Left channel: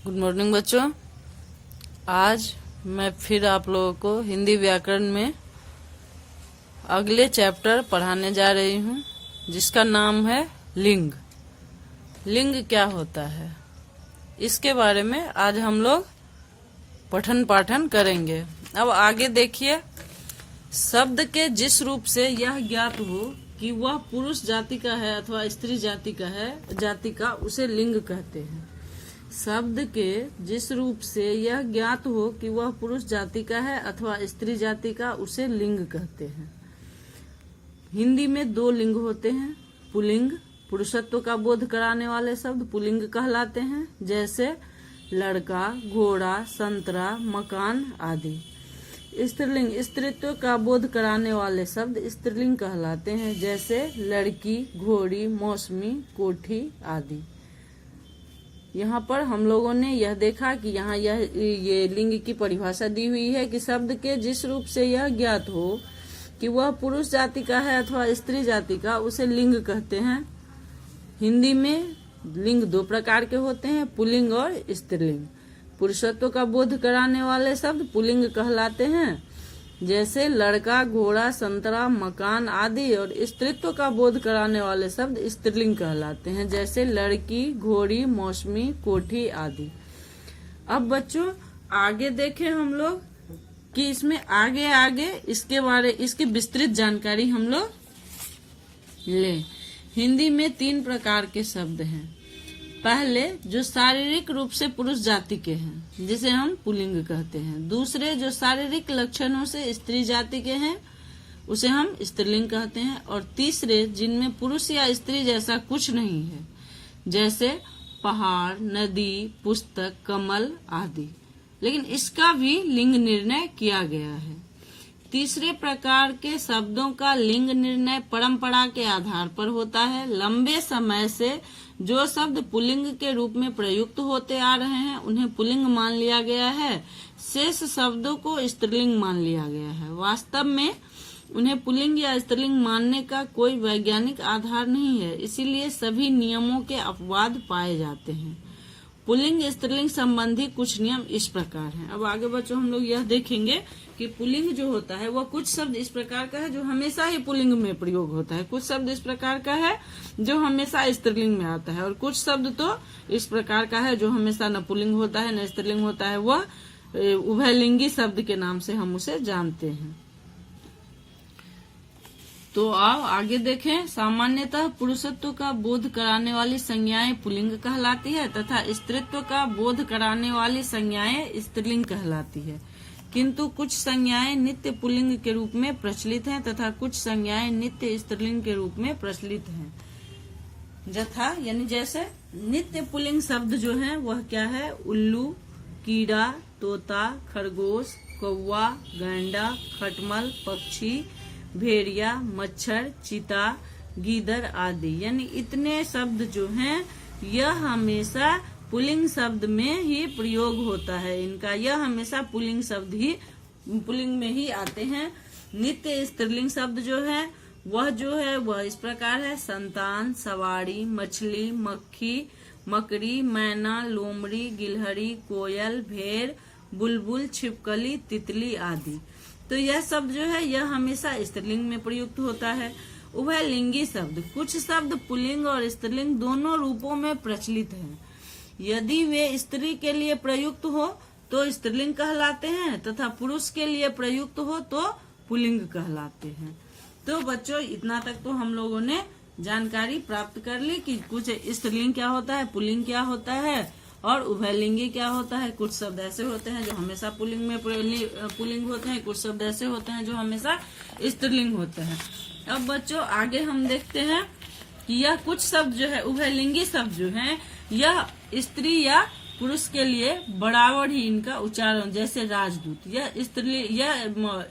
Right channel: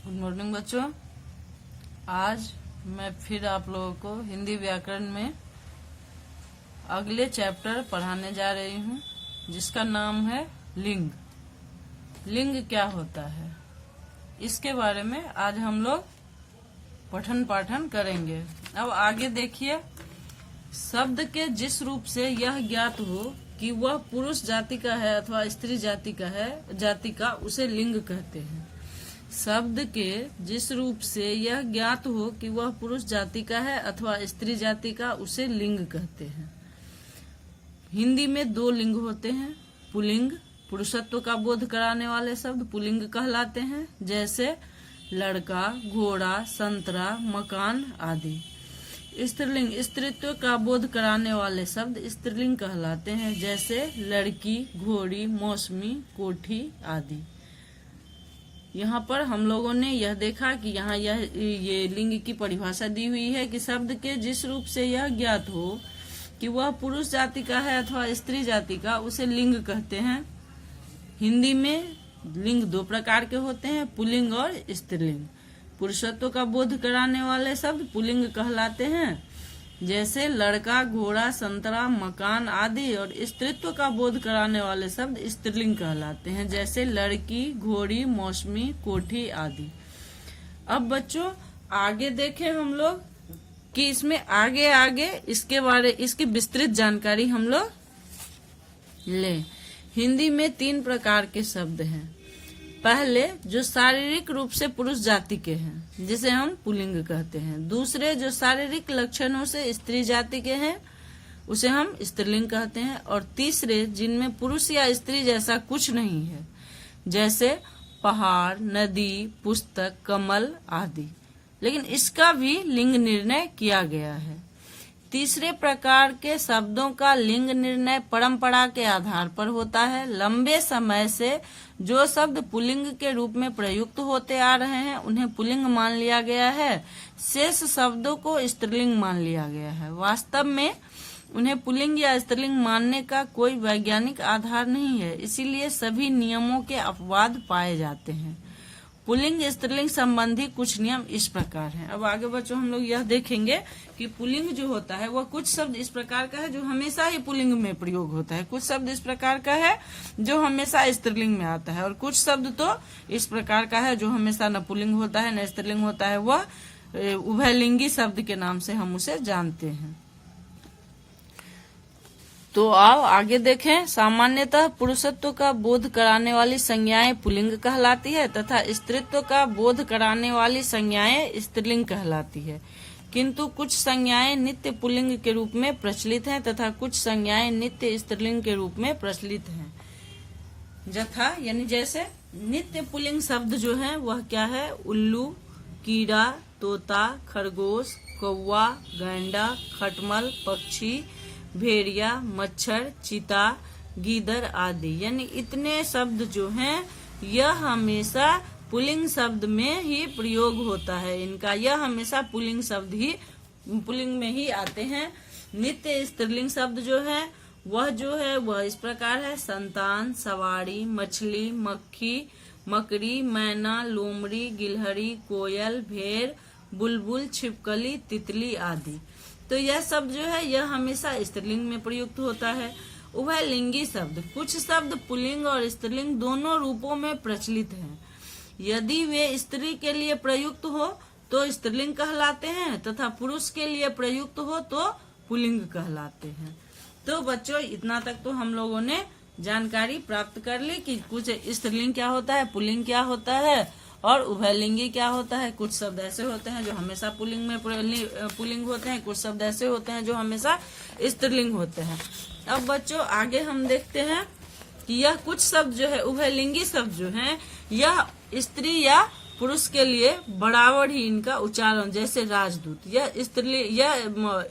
Good morning बच्चों। आज मैं फिर आप लोगों को हिंदी व्याकरण में अगले चैप्टर पढ़ाने जा रही हूँ, जिसका नाम है लिंग। लिंग क्या होता है, इसके बारे में आज हम लोग पठन पाठन करेंगे। अब आगे देखिए, शब्द के जिस रूप से यह ज्ञात हो कि वह पुरुष जाति का है अथवा स्त्री जाति का उसे लिंग कहते हैं। शब्द के जिस रूप से यह ज्ञात हो कि वह पुरुष जाति का है अथवा स्त्री जाति का उसे लिंग कहते हैं। हिंदी में दो लिंग होते हैं। पुल्लिंग, पुरुषत्व का बोध कराने वाले शब्द पुल्लिंग कहलाते हैं, जैसे लड़का, घोड़ा, संतरा, मकान आदि। स्त्रीलिंग, स्त्रीत्व का बोध कराने वाले शब्द स्त्रीलिंग कहलाते हैं, जैसे लड़की, घोड़ी, मौसमी, कोठी आदि। यहाँ पर हम लोगों ने यह देखा कि यहाँ ये लिंग की परिभाषा दी हुई है कि शब्द के जिस रूप से यह ज्ञात हो कि वह पुरुष जाति का है अथवा स्त्री जाति का उसे लिंग कहते हैं। हिंदी में लिंग दो प्रकार के होते हैं, पुल्लिंग और स्त्रीलिंग। पुरुषत्व का बोध कराने वाले शब्द पुल्लिंग कहलाते हैं, जैसे लड़का, घोड़ा, संतरा, मकान आदि, और स्त्रीत्व का बोध कराने वाले शब्द स्त्रीलिंग कहलाते हैं, जैसे लड़की, घोड़ी, मौसमी, कोठी आदि। अब बच्चों आगे देखें हम लोग कि इसमें आगे इसकी विस्तृत जानकारी हम लोग लें। हिंदी में 3 प्रकार के शब्द हैं। पहले जो शारीरिक रूप से पुरुष जाति के हैं, जिसे हम पुल्लिंग कहते हैं। दूसरे जो शारीरिक लक्षणों से स्त्री जाति के हैं, उसे हम स्त्रीलिंग कहते हैं। और तीसरे जिनमें पुरुष या स्त्री जैसा कुछ नहीं है, जैसे पहाड़, नदी, पुस्तक, कमल आदि, लेकिन इसका भी लिंग निर्णय किया गया है। तीसरे प्रकार के शब्दों का लिंग निर्णय परंपरा के आधार पर होता है। लंबे समय से जो शब्द पुल्लिंग के रूप में प्रयुक्त होते आ रहे हैं उन्हें पुल्लिंग मान लिया गया है, शेष शब्दों को स्त्रीलिंग मान लिया गया है। वास्तव में उन्हें पुल्लिंग या स्त्रीलिंग मानने का कोई वैज्ञानिक आधार नहीं है, इसीलिए सभी नियमों के अपवाद पाए जाते हैं। पुल्लिंग स्त्रीलिंग संबंधी कुछ नियम इस प्रकार हैं। अब आगे बच्चों हम लोग यह देखेंगे कि पुल्लिंग जो होता है वह कुछ शब्द इस प्रकार का है जो हमेशा ही पुल्लिंग में प्रयोग होता है, कुछ शब्द इस प्रकार का है जो हमेशा स्त्रीलिंग में आता है, और कुछ शब्द तो इस प्रकार का है जो हमेशा न पुल्लिंग होता है न स्त्रीलिंग होता है। वह उभयलिंगी शब्द के नाम से हम उसे जानते हैं। तो आओ आगे देखें। सामान्यतः पुरुषत्व का बोध कराने वाली संज्ञाएं पुल्लिंग कहलाती है तथा स्त्रीत्व का बोध कराने वाली संज्ञाएं स्त्रीलिंग कहलाती है, किंतु कुछ संज्ञाएं नित्य पुल्लिंग के रूप में प्रचलित हैं तथा कुछ संज्ञाएं नित्य स्त्रीलिंग के रूप में प्रचलित हैं। जथा यानी जैसे नित्य पुल्लिंग शब्द जो है वह क्या है? उल्लू, कीड़ा, तोता, खरगोश, कौवा, गैंडा, खटमल, पक्षी, भेड़िया, मच्छर, चीता, गीदड़ आदि। यानी इतने शब्द जो हैं यह हमेशा पुल्लिंग शब्द में ही प्रयोग होता है। इनका यह हमेशा पुल्लिंग शब्द ही पुल्लिंग में ही आते हैं। नित्य स्त्रीलिंग शब्द जो है वह इस प्रकार है: संतान, सवारी, मछली, मक्खी, मकड़ी, मैना, लोमड़ी, गिलहरी, कोयल, भेड़, बुलबुल, छिपकली, तितली आदि। तो यह शब्द जो है यह हमेशा स्त्रीलिंग में प्रयुक्त होता है। उभयलिंगी शब्द, कुछ शब्द पुल्लिंग और स्त्रीलिंग दोनों रूपों में प्रचलित हैं। यदि वे स्त्री के लिए प्रयुक्त हो तो स्त्रीलिंग कहलाते हैं तथा पुरुष के लिए प्रयुक्त हो तो पुल्लिंग कहलाते हैं। तो बच्चों इतना तक तो हम लोगों ने जानकारी प्राप्त कर ली कि कुछ स्त्रीलिंग क्या होता है, पुल्लिंग क्या होता है और उभयलिंगी क्या होता है। कुछ शब्द ऐसे होते हैं जो हमेशा पुल्लिंग में पुल्लिंग होते हैं, कुछ शब्द ऐसे होते हैं जो हमेशा स्त्रीलिंग होते हैं। अब बच्चों आगे हम देखते हैं कि यह कुछ शब्द जो है उभयलिंगी शब्द जो है यह स्त्री या पुरुष के लिए बराबर ही इनका उच्चारण, जैसे राजदूत, यह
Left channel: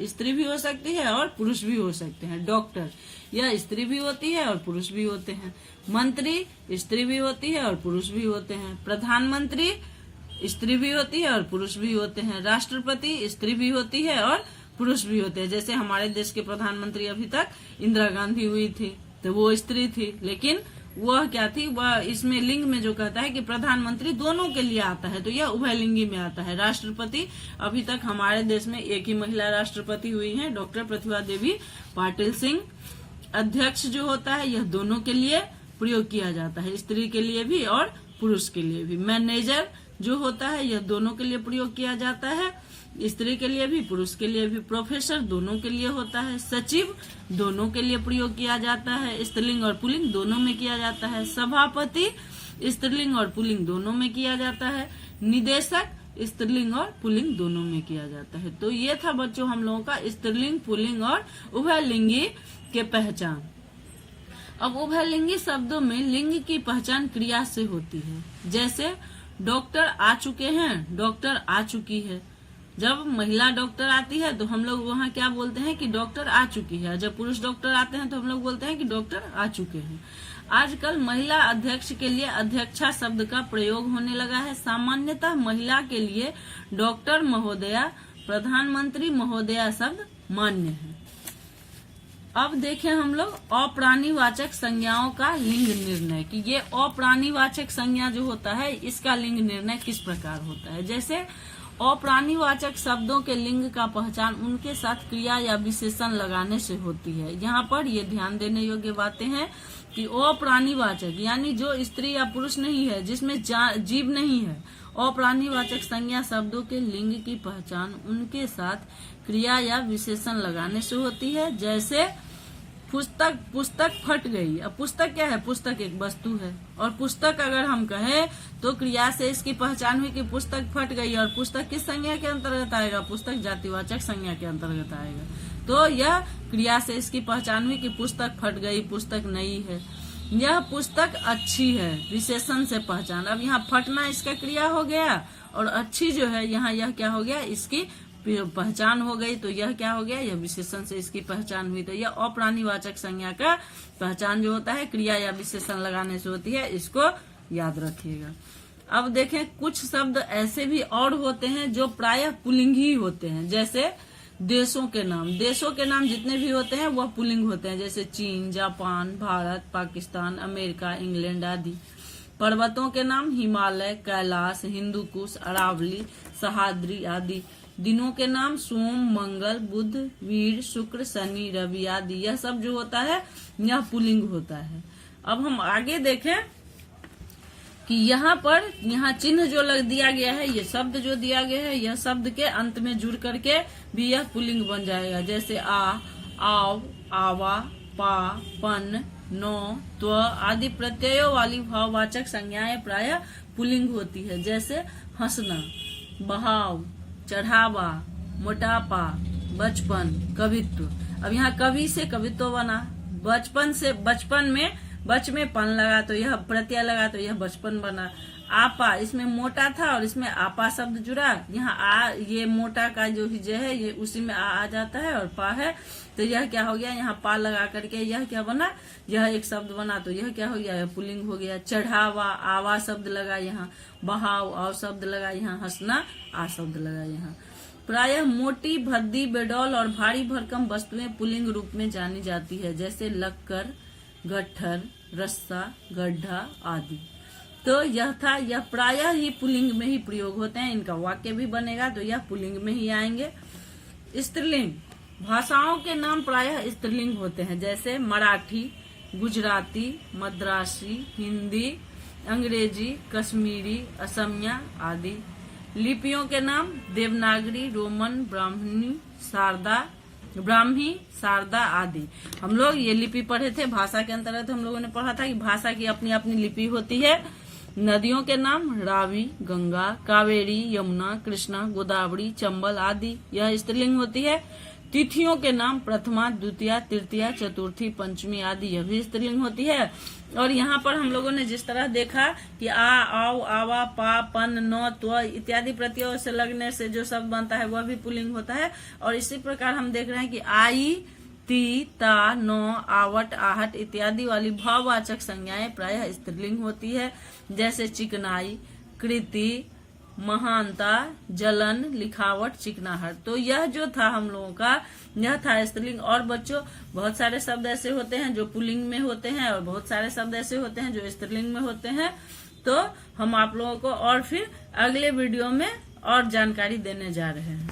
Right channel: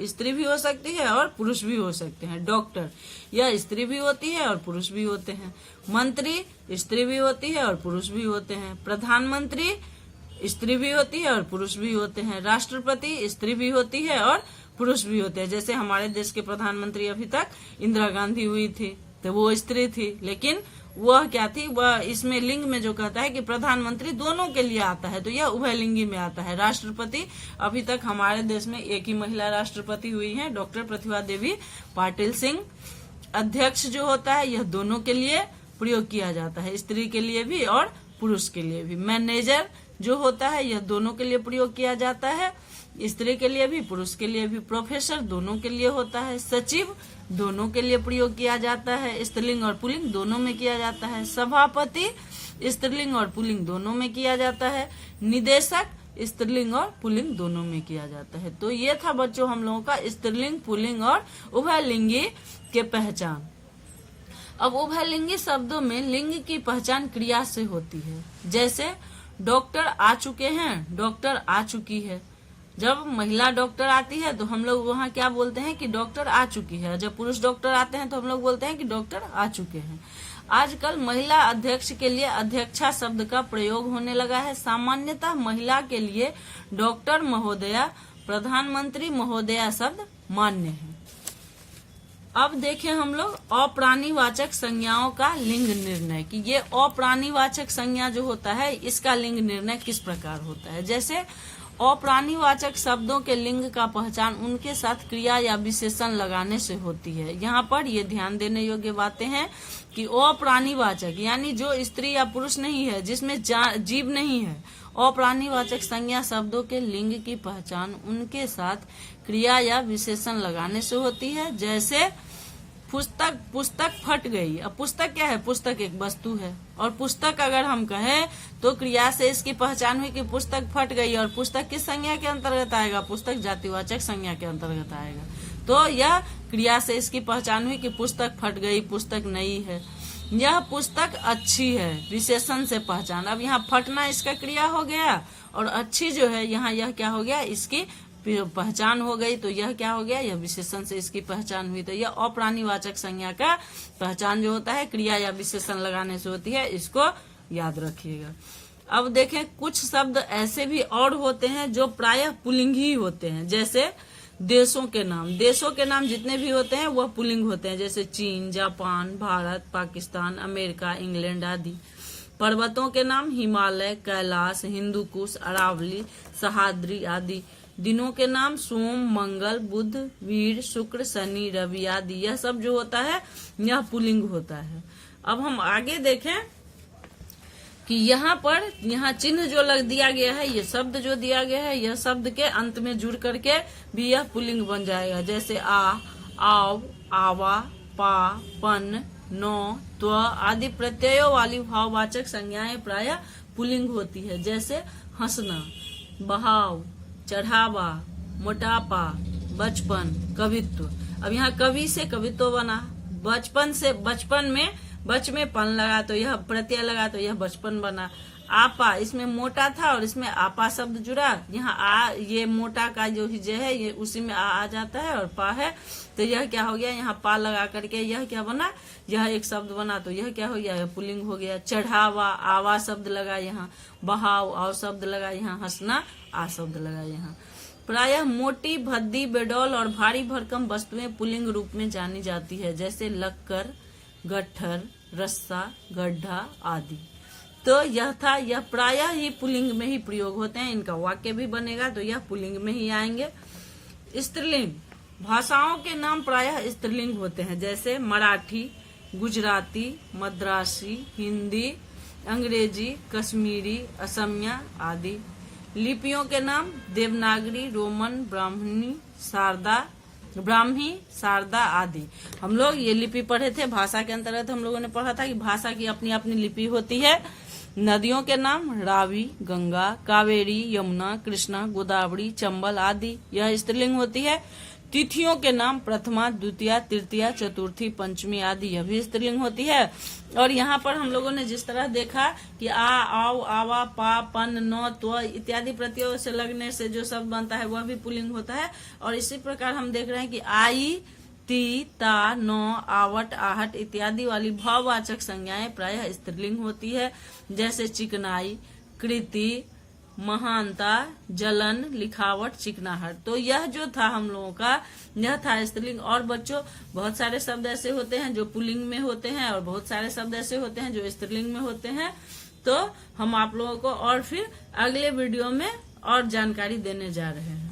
स्त्री भी हो सकती है और पुरुष भी हो सकते हैं। डॉक्टर, यह स्त्री भी होती है और पुरुष भी होते हैं। मंत्री स्त्री भी होती है और पुरुष भी होते हैं। प्रधानमंत्री स्त्री भी होती है और पुरुष भी होते हैं। राष्ट्रपति स्त्री भी होती है और पुरुष भी होते हैं। जैसे हमारे देश के प्रधानमंत्री अभी तक इंदिरा गांधी हुई थी तो वो स्त्री थी, लेकिन वह क्या थी, वह इसमें लिंग में जो कहता है कि प्रधानमंत्री दोनों के लिए आता है, तो यह उभयलिंगी में आता है। राष्ट्रपति, अभी तक हमारे देश में एक ही महिला राष्ट्रपति हुई है, डॉक्टर प्रतिभा देवी पाटिल सिंह। अध्यक्ष जो होता है यह दोनों के लिए प्रयोग किया जाता है, स्त्री के लिए भी और पुरुष के लिए भी। मैनेजर जो होता है यह दोनों के लिए प्रयोग किया जाता है, स्त्री के लिए भी पुरुष के लिए भी। प्रोफेसर दोनों के लिए होता है। सचिव दोनों के लिए प्रयोग किया जाता है, स्त्रीलिंग और पुल्लिंग दोनों में किया जाता है। सभापति स्त्रीलिंग और पुल्लिंग दोनों में किया जाता है। निदेशक स्त्रीलिंग और पुल्लिंग दोनों में किया जाता है। तो ये था बच्चों हम लोगों का स्त्रीलिंग, पुल्लिंग और उभयलिंगी के पहचान। अब उभयलिंगी शब्दों में लिंग की पहचान क्रिया से होती है। जैसे डॉक्टर आ चुके हैं, डॉक्टर आ चुकी है। जब महिला डॉक्टर आती है तो हम लोग वहाँ क्या बोलते हैं कि डॉक्टर आ चुकी है। जब पुरुष डॉक्टर आते हैं तो हम लोग बोलते हैं कि डॉक्टर आ चुके हैं। आजकल महिला अध्यक्ष के लिए अध्यक्षा शब्द का प्रयोग होने लगा है। सामान्यतः महिला के लिए डॉक्टर महोदया, प्रधानमंत्री महोदया शब्द मान्य है। अब देखें हम लोग अप्राणीवाचक संज्ञाओं का लिंग निर्णय, कि ये अप्राणीवाचक संज्ञा जो होता है इसका लिंग निर्णय किस प्रकार होता है। जैसे अप्राणीवाचक शब्दों के लिंग का पहचान उनके साथ क्रिया या विशेषण लगाने से होती है। यहाँ पर ये ध्यान देने योग्य बातें हैं कि अप्राणीवाचक यानी जो स्त्री या पुरुष नहीं है, जिसमें जीव नहीं है, अप्राणीवाचक संज्ञा शब्दों के लिंग की पहचान उनके साथ क्रिया या विशेषण लगाने से होती है। जैसे पुस्तक, पुस्तक फट गई। अब पुस्तक क्या है, पुस्तक एक वस्तु है, और पुस्तक अगर हम कहें तो क्रिया से इसकी पहचान हुई कि पुस्तक फट गई, और पुस्तक किस संज्ञा के अंतर्गत आएगा, पुस्तक जातिवाचक संज्ञा के अंतर्गत आएगा। तो यह क्रिया से इसकी पहचान हुई कि पुस्तक फट गई, पुस्तक नई है। यह पुस्तक अच्छी है, विशेषण से पहचान। अब यहाँ फटना इसका क्रिया हो गया, और अच्छी जो है यहाँ यह क्या हो गया, इसकी पहचान हो गई। तो यह क्या हो गया, यह विशेषण से इसकी पहचान हुई। तो यह अप्राणीवाचक संज्ञा का पहचान जो होता है क्रिया या विशेषण लगाने से होती है, इसको याद रखिएगा। अब देखें कुछ शब्द ऐसे भी और होते हैं जो प्रायः पुल्लिंग ही होते हैं। जैसे देशों के नाम, देशों के नाम जितने भी होते हैं वह पुल्लिंग होते हैं। जैसे चीन, Japan, Bharat, Pakistan, America, England आदि। पर्वतों के नाम हिमालय, कैलाश, हिंदुकुश, अरावली, सह्याद्री आदि। दिनों के नाम सोम, मंगल, बुध, वीर, शुक्र, शनि, रवि आदि। यह सब जो होता है यह पुल्लिंग होता है। अब हम आगे देखें कि यहाँ पर यहाँ चिन्ह जो लग दिया गया है, ये शब्द जो दिया गया है, यह शब्द के अंत में जुड़ करके भी यह पुल्लिंग बन जाएगा। जैसे आ, आव, आवा, पा, पन, नो, त्व आदि प्रत्ययों वाली भाववाचक संज्ञाएं प्रायः पुल्लिंग होती है। जैसे हंसना, बहाव, चढ़ावा, मोटापा, बचपन, कवित्व। अब यहाँ कवि से कवित्व बना, बचपन से बचपन में बच में पन लगा तो यह प्रत्यय लगा तो यह बचपन बना। आपा, इसमें मोटा था और इसमें आपा शब्द जुड़ा, यहाँ आ, ये मोटा का जो हिज्जे है ये उसी में आ जाता है, और पा है तो यह क्या हो गया, यहाँ पा लगा करके यह क्या बना, यह एक शब्द बना, तो यह क्या हो गया, यह पुल्लिंग हो गया। चढ़ावा, आवा शब्द लगा यहाँ, बहाव, आव शब्द लगा यहाँ, हंसना, आ शब्द लगा यहाँ। प्रायः मोटी, भद्दी, बेडौल और भारी भरकम वस्तुएं पुल्लिंग रूप में जानी जाती है। जैसे लक्कर, गट्ठर, रस्सा, गड्ढा आदि। तो यह था, यह प्रायः ही पुल्लिंग में ही प्रयोग होते हैं। इनका वाक्य भी बनेगा तो यह पुल्लिंग में ही आएंगे। स्त्रीलिंग, भाषाओं के नाम प्रायः स्त्रीलिंग होते हैं। जैसे मराठी, गुजराती, मद्रासी, हिंदी, अंग्रेजी, कश्मीरी, असमिया आदि। लिपियों के नाम देवनागरी, रोमन, ब्राह्मी, शारदा आदि। हम लोग ये लिपि पढ़े थे, भाषा के अंतर्गत हम लोगों ने पढ़ा था कि भाषा की अपनी अपनी लिपि होती है। नदियों के नाम रावी, गंगा, कावेरी, यमुना, कृष्णा, गोदावरी, चंबल आदि, यह स्त्रीलिंग होती है। तिथियों के नाम प्रथमा, द्वितीया, तृतीया, चतुर्थी, पंचमी आदि, यह भी स्त्रीलिंग होती है। और यहाँ पर हम लोगों ने जिस तरह देखा कि आ, आओ, आवा, पा, पन, नो, त्व इत्यादि प्रत्ययों से लगने से जो शब्द बनता है वह भी पुल्लिंग होता है। और इसी प्रकार हम देख रहे हैं कि आई, ती, ता, नो, आवट, आहट इत्यादि वाली भाववाचक संज्ञाएं प्रायः स्त्रीलिंग होती है। जैसे चिकनाई, कृति, महानता, जलन, लिखावट, चिकनाहट। तो यह जो था हम लोगों का, यह था स्त्रीलिंग। और बच्चों बहुत सारे शब्द ऐसे होते हैं जो पुल्लिंग में होते हैं और बहुत सारे शब्द ऐसे होते हैं जो स्त्रीलिंग में होते हैं। तो हम आप लोगों को और फिर अगले वीडियो में और जानकारी देने जा रहे हैं।